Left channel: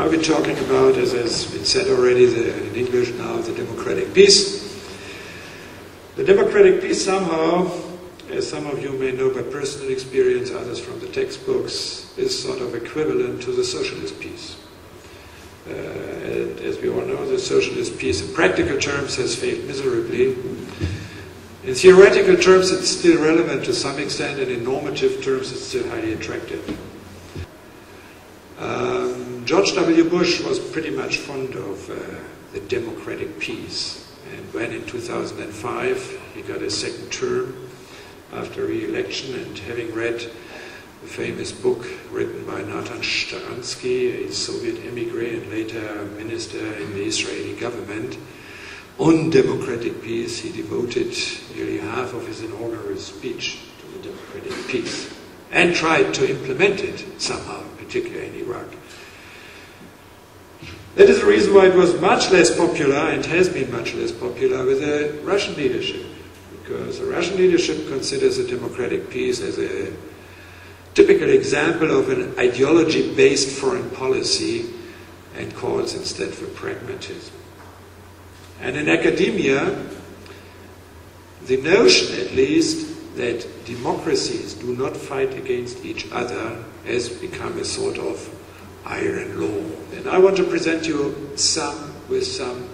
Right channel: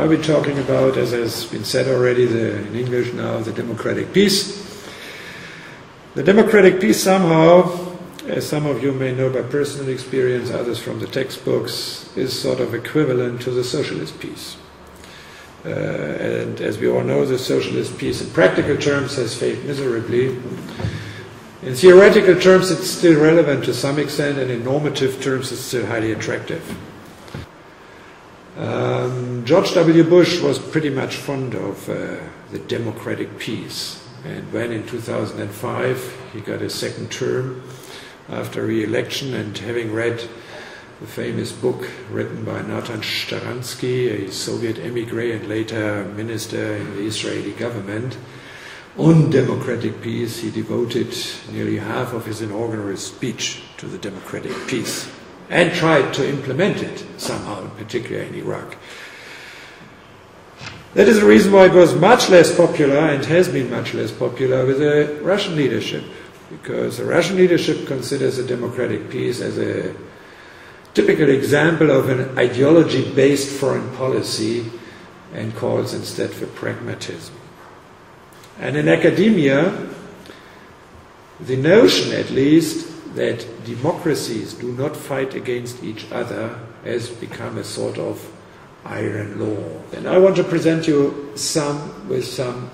Are we talking about, as has been said already in English now, the democratic peace? The democratic peace somehow, as some of you may know by personal experience, others from the textbooks, is sort of equivalent to the socialist peace. And as we all know, the socialist peace in practical terms has failed miserably. In theoretical terms it's still relevant to some extent, and in normative terms it's still highly attractive. George W. Bush was pretty much fond of the democratic peace, and when in 2005 he got a second term after re-election, and having read the famous book written by Nathan Sharansky, a Soviet emigre and later minister in the Israeli government, on democratic peace, he devoted nearly half of his inaugural speech to the democratic peace and tried to implement it somehow, particularly in Iraq. That is the reason why it was much less popular and has been much less popular with the Russian leadership, because the Russian leadership considers a democratic peace as a typical example of an ideology-based foreign policy and calls instead for pragmatism. And in academia, the notion at least that democracies do not fight against each other has become a sort of iron law. And I want to present you some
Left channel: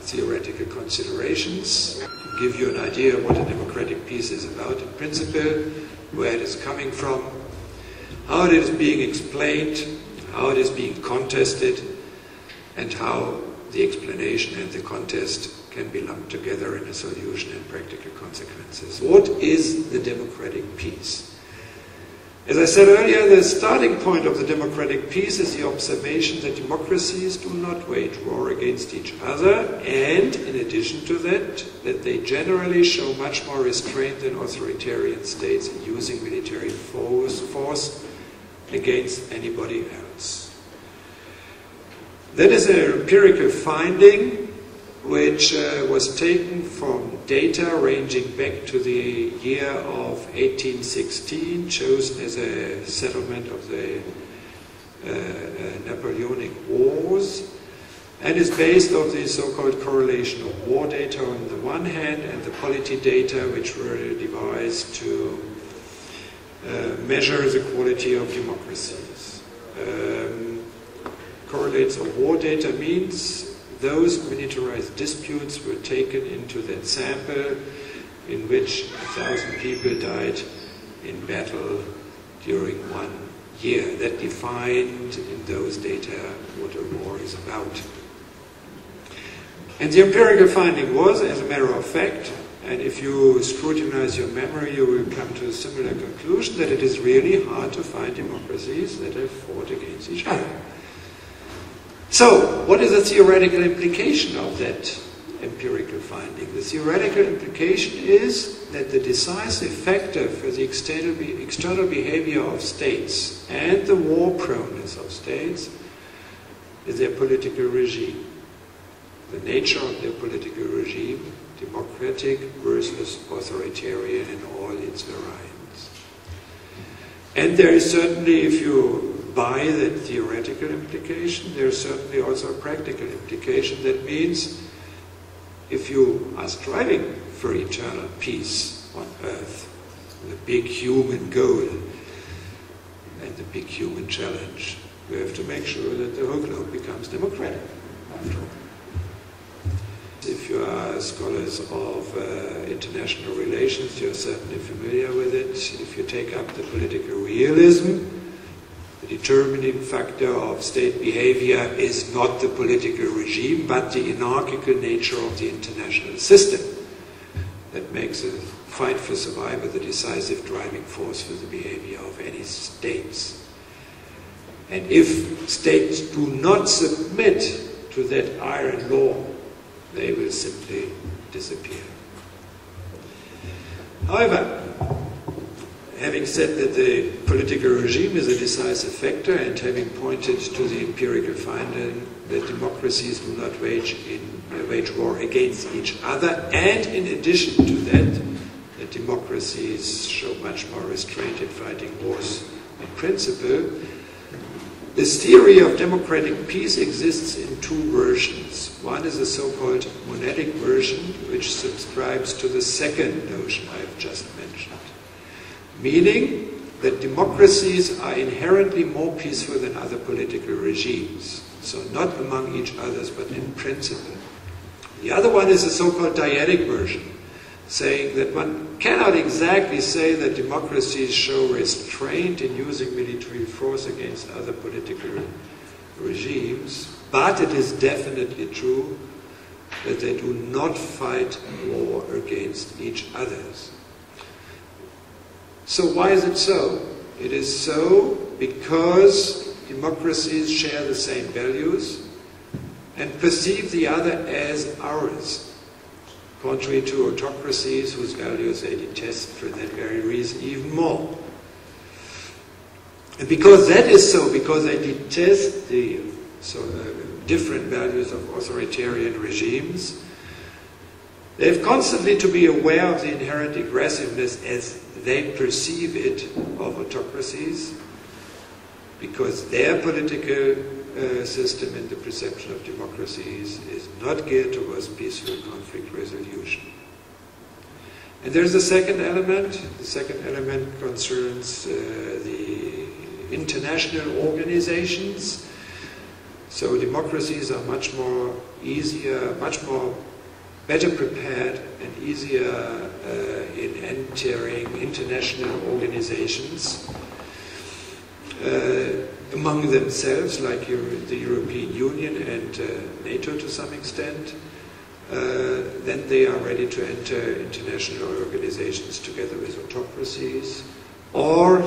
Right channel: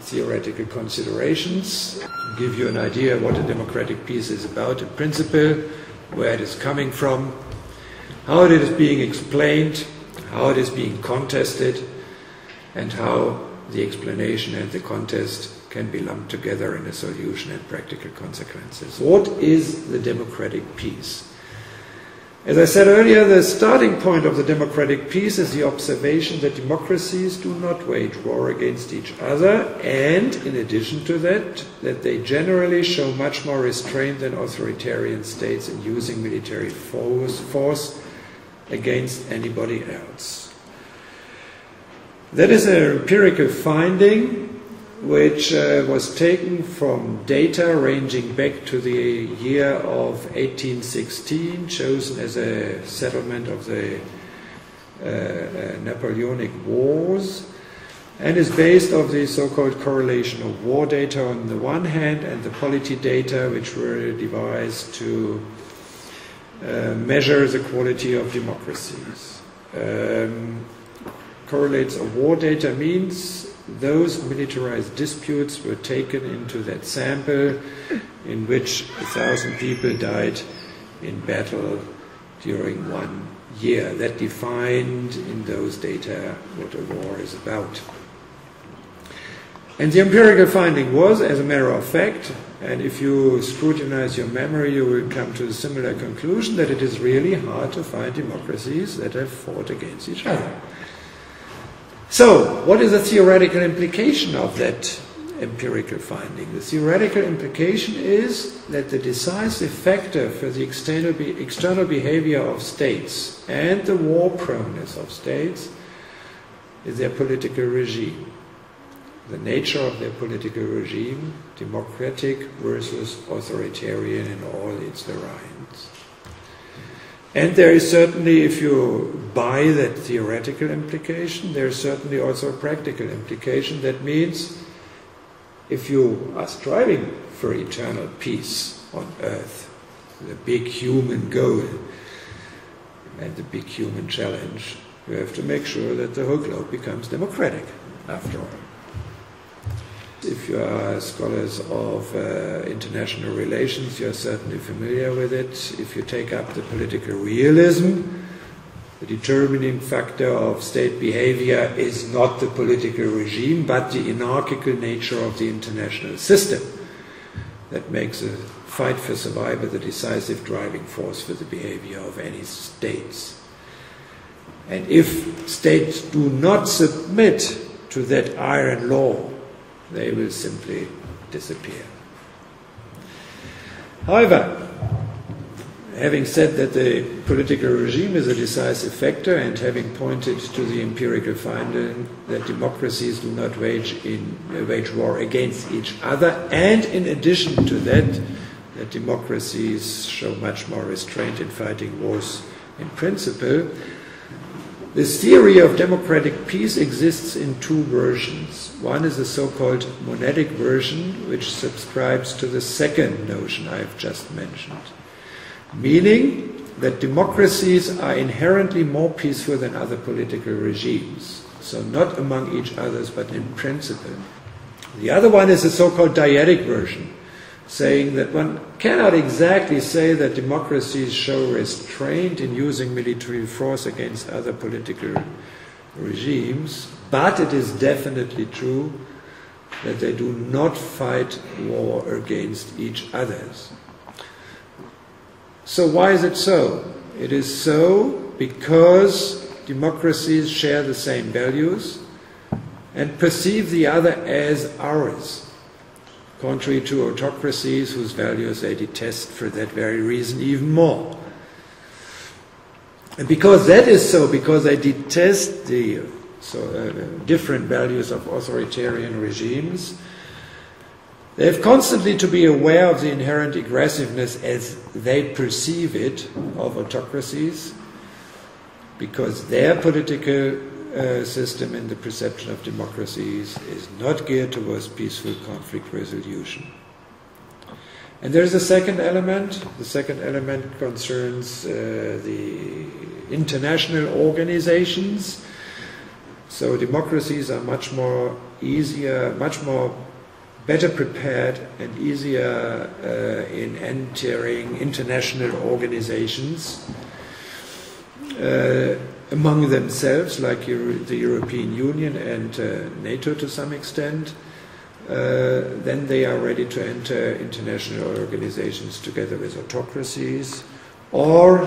theoretical considerations, to give you an idea of what a democratic peace is about in principle, where it is coming from, how it is being explained, how it is being contested, and how the explanation and the contest can be lumped together in a solution and practical consequences. What is the democratic peace? As I said earlier, the starting point of the democratic peace is the observation that democracies do not wage war against each other, and in addition to that, that they generally show much more restraint than authoritarian states in using military force against anybody else. That is an empirical finding which was taken from data ranging back to the year of 1816, chosen as a settlement of the Napoleonic Wars, and is based on the so-called correlation of war data on the one hand and the polity data, which were devised to measure the quality of democracies. Correlates of war data means those militarized disputes were taken into that sample in which 1,000 people died in battle during 1 year. That defined in those data what a war is about. And the empirical finding was, as a matter of fact, and if you scrutinize your memory, you will come to a similar conclusion, that it is really hard to find democracies that have fought against each other. So, what is the theoretical implication of that empirical finding? The theoretical implication is that the decisive factor for the external behavior of states and the war proneness of states is their political regime. The nature of their political regime, democratic versus authoritarian in all its variants. And there is certainly, if you buy that theoretical implication, there is certainly also a practical implication. That means if you are striving for eternal peace on earth, the big human goal and the big human challenge, you have to make sure that the whole globe becomes democratic, after all. If you are scholars of international relations, you're certainly familiar with it. If you take up the political realism, the determining factor of state behavior is not the political regime, but the anarchical nature of the international system that makes a fight for survival the decisive driving force for the behavior of any states. And if states do not submit to that iron law, they will simply disappear. However, having said that the political regime is a decisive factor, and having pointed to the empirical finding that democracies do not wage war against each other, and in addition to that, that democracies show much more restraint in fighting wars in principle, This theory of democratic peace exists in two versions. One is the so-called monadic version, which subscribes to the second notion I have just mentioned, meaning that democracies are inherently more peaceful than other political regimes, so not among each others, but in principle. The other one is a so-called dyadic version, saying that one cannot exactly say that democracies show restraint in using military force against other political regimes, but it is definitely true that they do not fight war against each other. So why is it so? It is so because democracies share the same values and perceive the other as ours, contrary to autocracies whose values they detest for that very reason even more. And because that is so, because they detest the different values of authoritarian regimes, they have constantly to be aware of the inherent aggressiveness as they perceive it of autocracies, because their political system in the perception of democracies is not geared towards peaceful conflict resolution. And there's a second element. The second element concerns the international organizations. So democracies are much more better prepared and easier in entering international organizations among themselves, like the European Union and NATO to some extent. Then they are ready to enter international organizations together with autocracies, or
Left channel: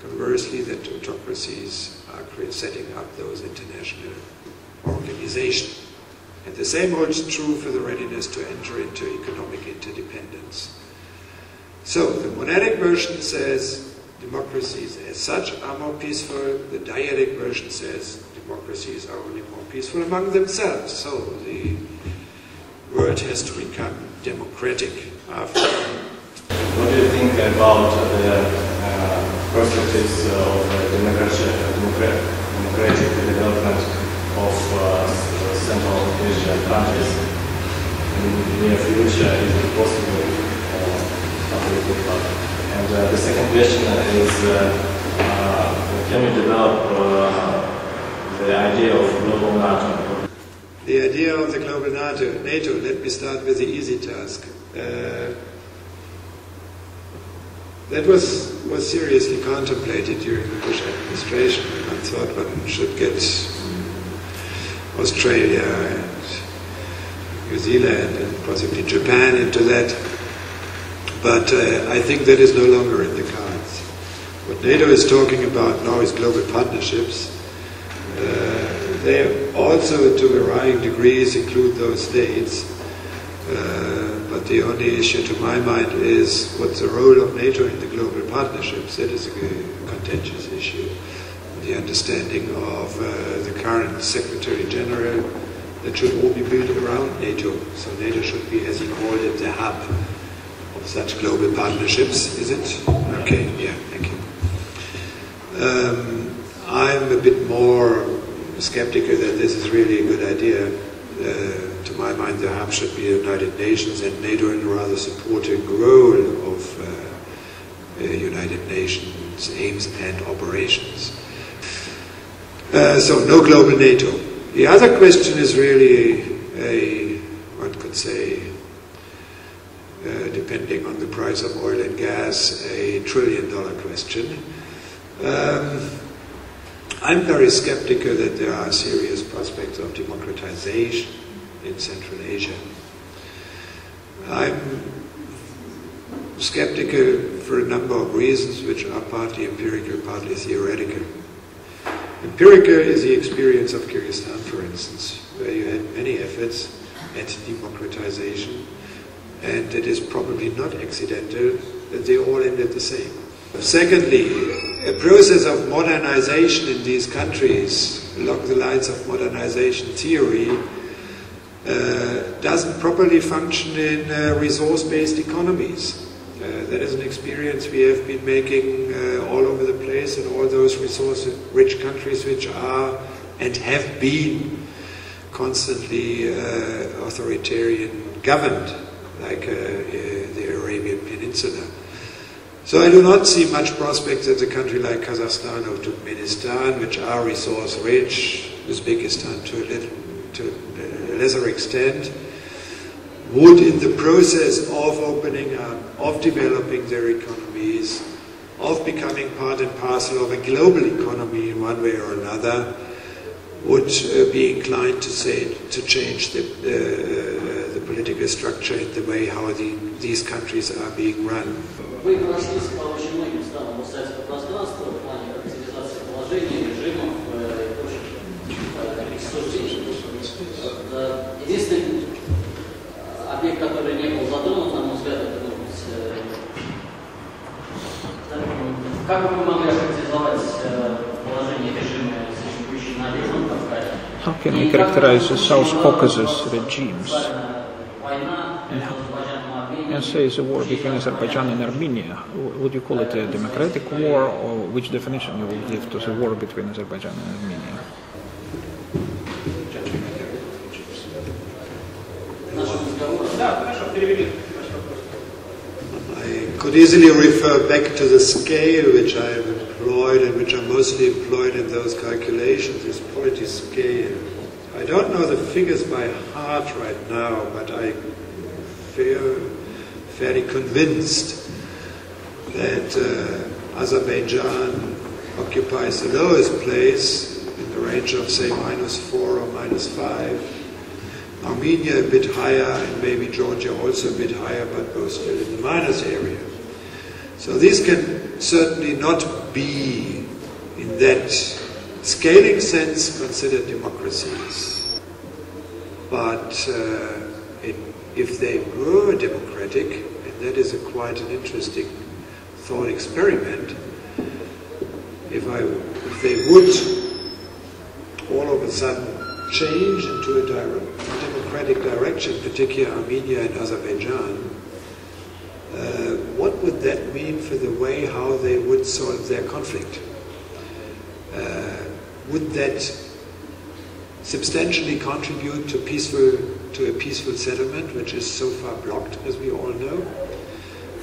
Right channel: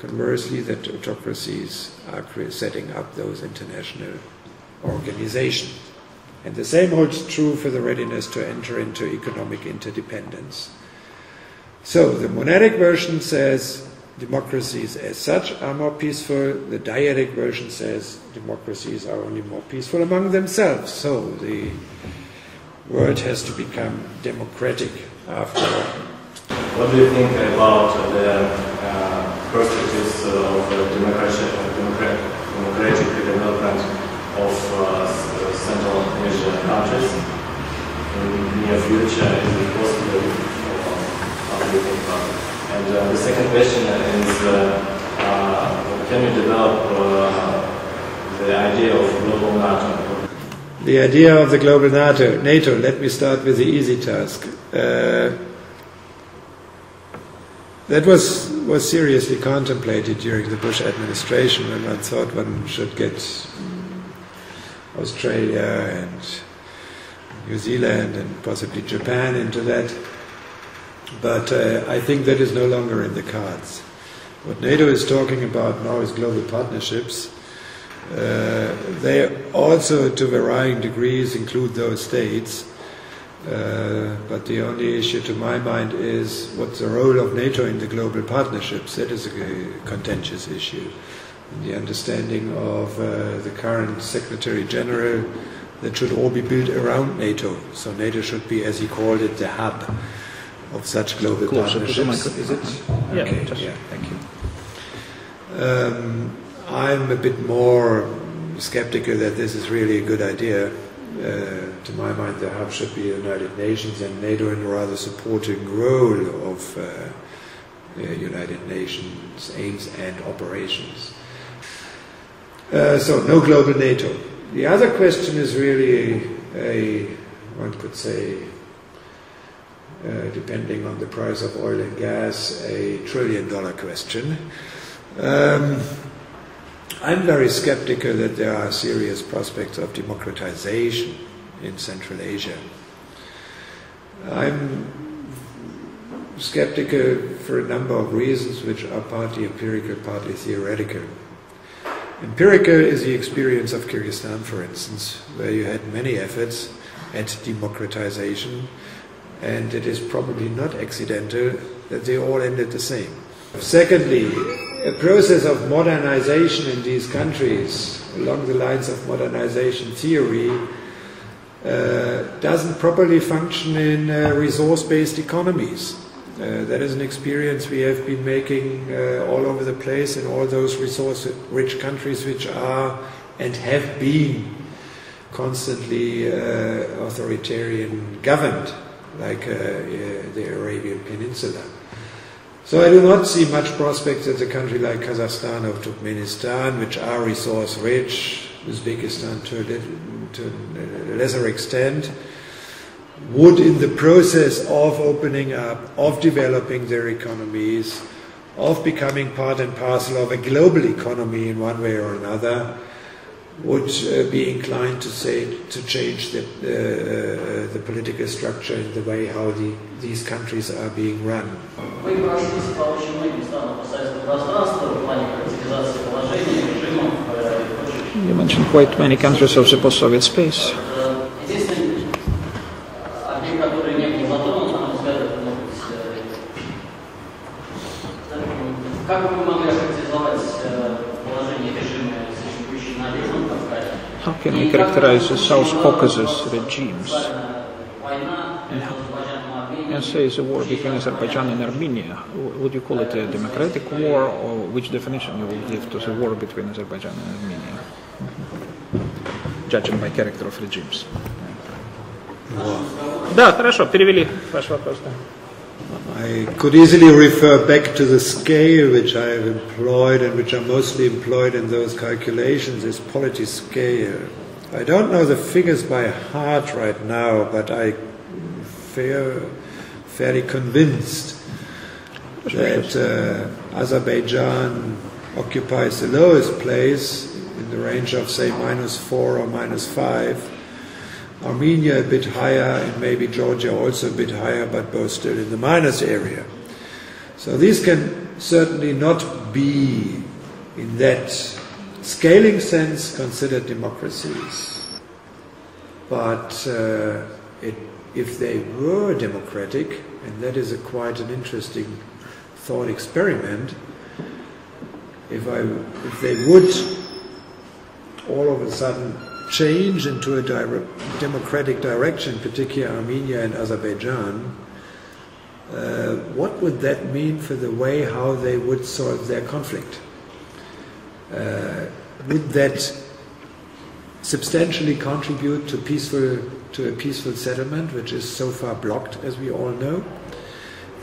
conversely, that autocracies are setting up those international organizations. And the same holds true for the readiness to enter into economic interdependence. So the monadic version says democracies as such are more peaceful. The dyadic version says democracies are only more peaceful among themselves. So the world has to become democratic after all. What do you think about the perspectives of democratic development of Central Asian countries? In the near future, is it possible or how do you think about it? And the second question is, can you develop the idea of global NATO? The idea of the global NATO, let me start with the easy task. That was seriously contemplated during the Bush administration, when one thought one should get Australia and New Zealand and possibly Japan into that. But I think that is no longer in the cards. What NATO is talking about now is global partnerships. They also, to varying degrees, include those states. But the only issue to my mind is what's the role of NATO in the global partnerships. That is a contentious issue. The understanding of the current Secretary General, that should all be built around NATO. So NATO should be, as he called it, the hub of such global partnerships. Is it? Okay, yeah, thank you. I'm a bit more skeptical that this is really a good idea. To my mind, the hub should be the United Nations, and NATO in a rather supporting role of United Nations aims and operations. So, no global NATO. The other question is really one could say, depending on the price of oil and gas, a $1 trillion question. I'm very skeptical that there are serious prospects of democratization in Central Asia. I'm skeptical for a number of reasons, which are partly empirical, partly theoretical. Empirical is the experience of Kyrgyzstan, for instance, where you had many efforts at democratization, and it is probably not accidental that they all ended the same. Secondly, a process of modernization in these countries, along the lines of modernization theory, doesn't properly function in resource-based economies. That is an experience we have been making all over the place in all those resource-rich countries which are and have been constantly authoritarian governed, like the Arabian Peninsula. So I do not see much prospect that a country like Kazakhstan or Turkmenistan, which are resource-rich, Uzbekistan to a lesser extent, would, in the process of opening up, of developing their economies, of becoming part and parcel of a global economy in one way or another, would be inclined to change the political structure and the way how these countries are being run. You mentioned quite many countries of the post-Soviet space. How can we characterize the South Caucasus regimes? And say the war between Azerbaijan and Armenia. Would you call it a democratic war, or which definition you would give to the war between Azerbaijan and Armenia, judging by character of regimes? Да, хорошо, перевели ваш вопрос. I could easily refer back to the scale which I have employed and which are mostly employed in those calculations, this polity scale. I don't know the figures by heart right now, but I feel fairly convinced that Azerbaijan occupies the lowest place in the range of, say, -4 or -5. Armenia a bit higher, and maybe Georgia also a bit higher, but both still in the minus area. So these can certainly not be, in that scaling sense, considered democracies. But if they were democratic, and that is quite an interesting thought experiment, if they would all of a sudden change into a democratic direction, particularly Armenia and Azerbaijan, what would that mean for the way how they would solve their conflict? Would that substantially contribute to a peaceful settlement, which is so far blocked, as we all know,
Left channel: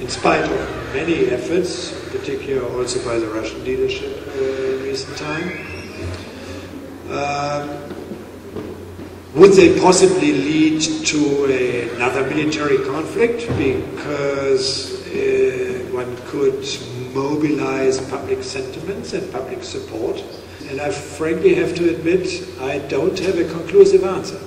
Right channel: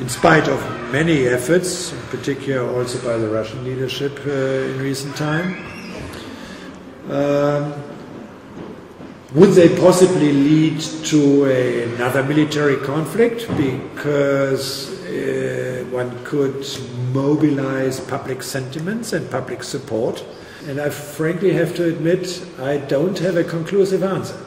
in spite of many efforts, in particular also by the Russian leadership in recent time? Would they possibly lead to another military conflict because one could mobilize public sentiments and public support? And I frankly have to admit, I don't have a conclusive answer.